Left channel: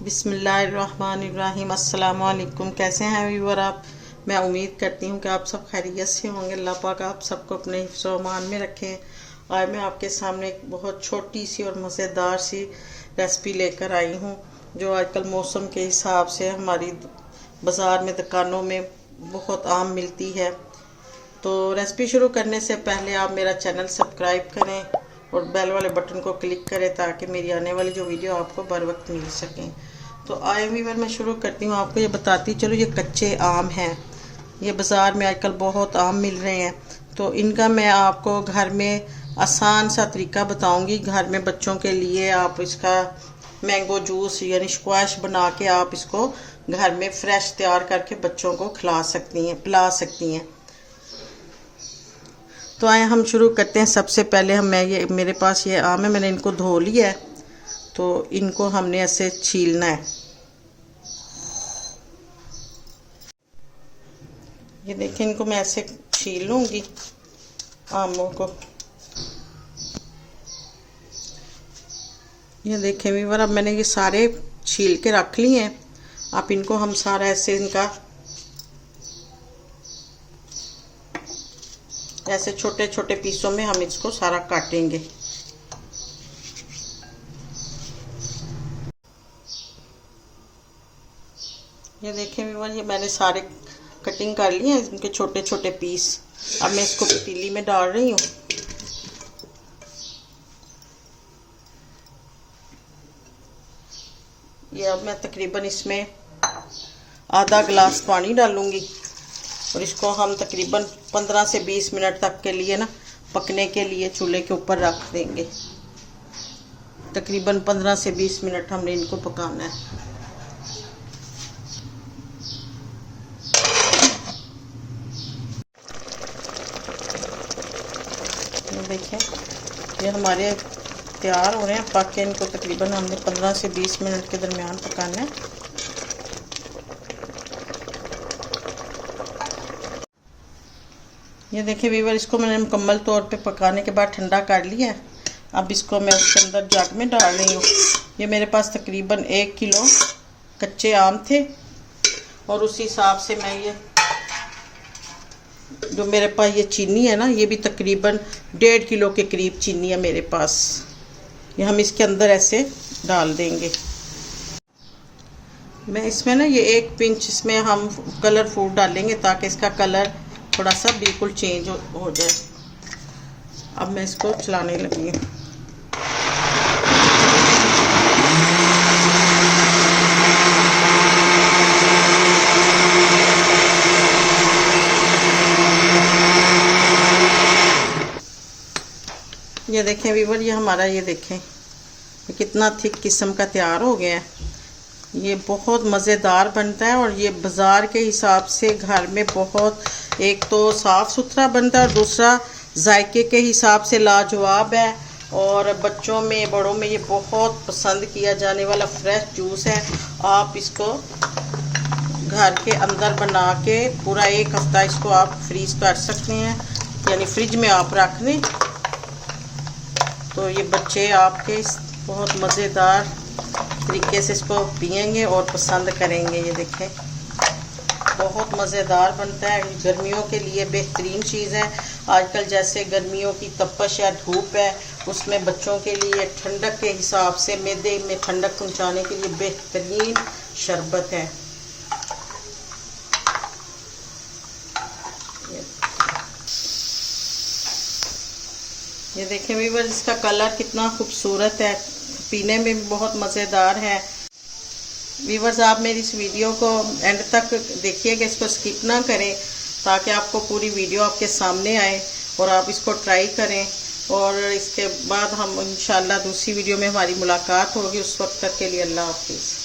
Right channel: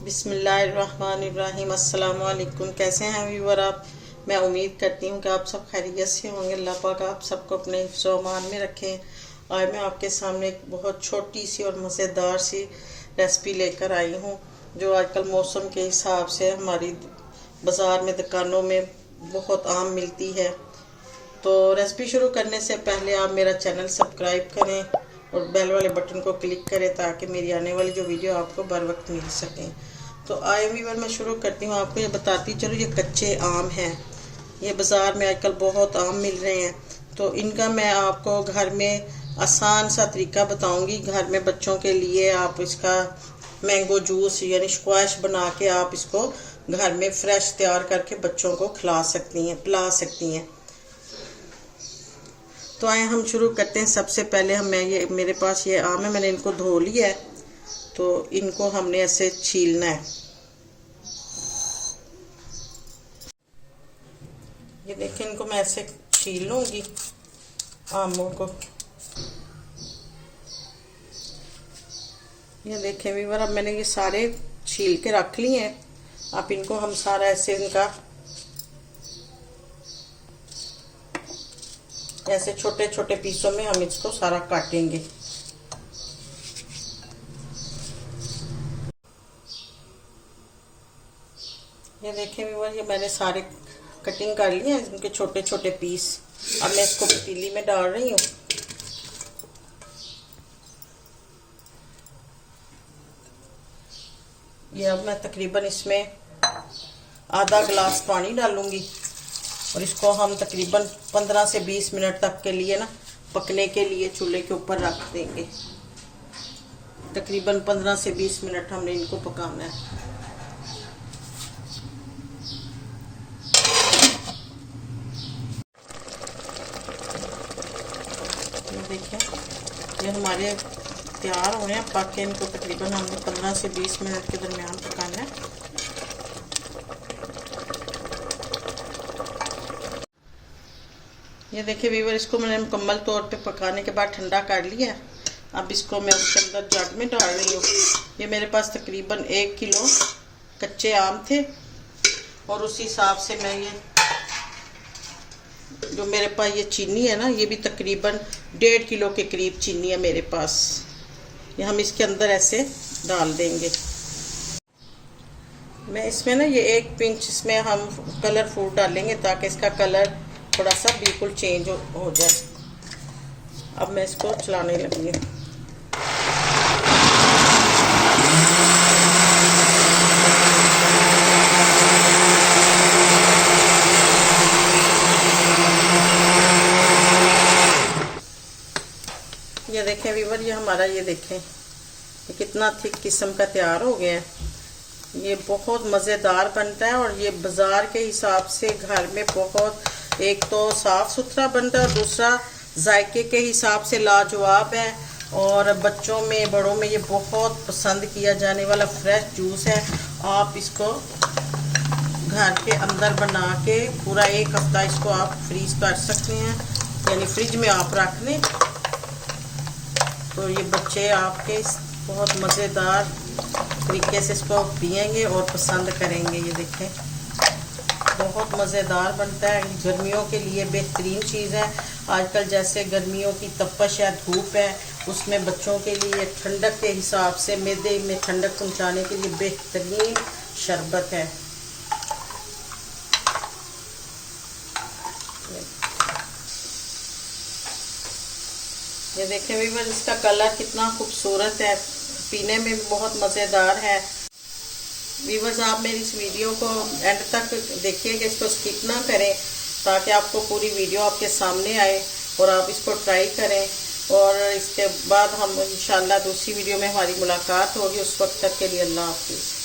बिस्मिल्लाहिर्रहमानिर्रहीम। अस्सलाम वालेकुम। कैसे हैं व्यूअर आप? मैं उम्मीद करती हूँ कि आप सब खैरियत से होंगे। अल्लाह पाक आप सबको अपने हिफ्ज़ व अमान में रखें। आज मैं आपके सामने एक बहुत छोटी सी और मज़ेदार सी रेसिपी लेकर आई हूँ, जो आजकल मौसम के हिसाब से हमारी बाज़ार में, दुकानों में बहुत आम मिलती है। तो रेसिपी शुरू करने से पहले आप मेरा चैनल सब्सक्राइब करें और बेल वाले बटन को क्लिक करें ताकि मेरी आने वाली जो वीडियो आपको बर वक्त मिल सकें। तो आए व्यूअर, मैं शुरू करती हूँ। आपको ये बताती चलो, ये कच्चे आम हैं, ये बाज़ार में आजकल बहुत आम मिल रहे हैं। तो इनका मैं आपको घर में आसान सा तरीका बताऊंगी। घर में बच्चों के लिए आप इसका मैंगो जूस यानी स्क्वैश बना के आप इसको घर में फ्रेश तैयार करके बच्चों को खिला सकती हैं, पिला सकती हैं। तो आए हम शुरू करते हैं। सबसे पहले मेरे पास ये आम है, मैंने इनको धो लिया है। तो इनको हमने ऐसे छीलना है। ये देखिए, इनको मैं ऐसे छील लूंगी आमों को। ये देखें व्यूअर, अब मैंने ये सारे छील के रख लिए हैं। अब इनको हम सारा ऐसे ऐसे छोटे छोटे पीसों में हम इसको सारा काटेंगे। ये देखिए व्यूअर, ये मैंने सारे कटिंग कर लिए हैं, इनके छोटे छोटे पीस। अब मैं इसको पतीली में डाल रही हूँ। ये अब मैं तकरीबन इसमें आधा गिलास पानी डालूंगी और इसको हम तकरीबन 15 से 20 मिनट तक के लिए पकने के लिए चूल्हे के ऊपर रख देंगे। तकरीबन 15 से 20 मिनट हमने इनको पकाना है। देखिए, ये हमारे तैयार हो रहे हैं पक के। इनको तकरीबन हमने 15 से 20 मिनट के दरमियान पकाना है। ये देखिए व्यूअर, इसको मैंने मुकम्मल तौर पे पकाने के बाद ठंडा कर लिया है। अब इसको मैं उसके अंदर जग में डाल रही हूँ। ये मेरे पास तकरीबन 1 किलो कच्चे आम थे और उसी हिसाब से मैं ये जो मेरे पास ये चीनी है ना, ये भी तकरीबन 1.5 किलो के करीब चीनी है मेरे पास। ये हम इसके अंदर ऐसे डाल देंगे। मैं इसमें ये 1 पिंच इसमें हम कलर फूड डालेंगे ताकि इसका कलर थोड़ा सा बिल्कुल चेंज हो जाए। अब मैं इसको चलाने लगी हूँ। ये देखें व्यूअर, ये हमारा ये देखें ये कितना थिक किस्म का तैयार हो गया है। ये बहुत मज़ेदार बनता है और ये बाज़ार के हिसाब से घर में बहुत, एक तो साफ़ सुथरा बनता है और दूसरा जायके के हिसाब से लाजवाब है। और बच्चों में, बड़ों में ये बहुत पसंद किया जाने वाला फ्रेश जूस है। आप इसको घर के अंदर बना के पूरा 1 हफ्ता इसको आप फ्रीज कर सकते हैं, यानी फ्रिज में आप रख दें। तो ये बच्चे आपके बहुत मज़ेदार तरीके से इसको पिएंगे और पसंद करेंगे। ये देखें, बहुत मज़ेदार बनता है। गर्मियों के लिए बेहतरीन चीज़ है। आजकल जैसे गर्मियों की तपश है, धूप है, उसमें बच्चों के लिए ठंडक के हिसाब से, मैदे में ठंडक पहुंचाने के लिए बेहतरीन शरबत है। ये देखें व्यूअर, इसका कलर कितना खूबसूरत है, पीने में भी बहुत मज़ेदार है। व्यूअर्स, आप मेरी इस वीडियो को एंड तक देखिएगा, इसको स्किप ना करें ताकि आपको पूरी वीडियो आपके सामने आए और आप इसको ट्राई करें। और इसके बाद हम इंशाल्लाह दूसरी वीडियो में हमारी मुलाकात होगी। उस वक्त तक के लिए अल्लाह हाफिज़।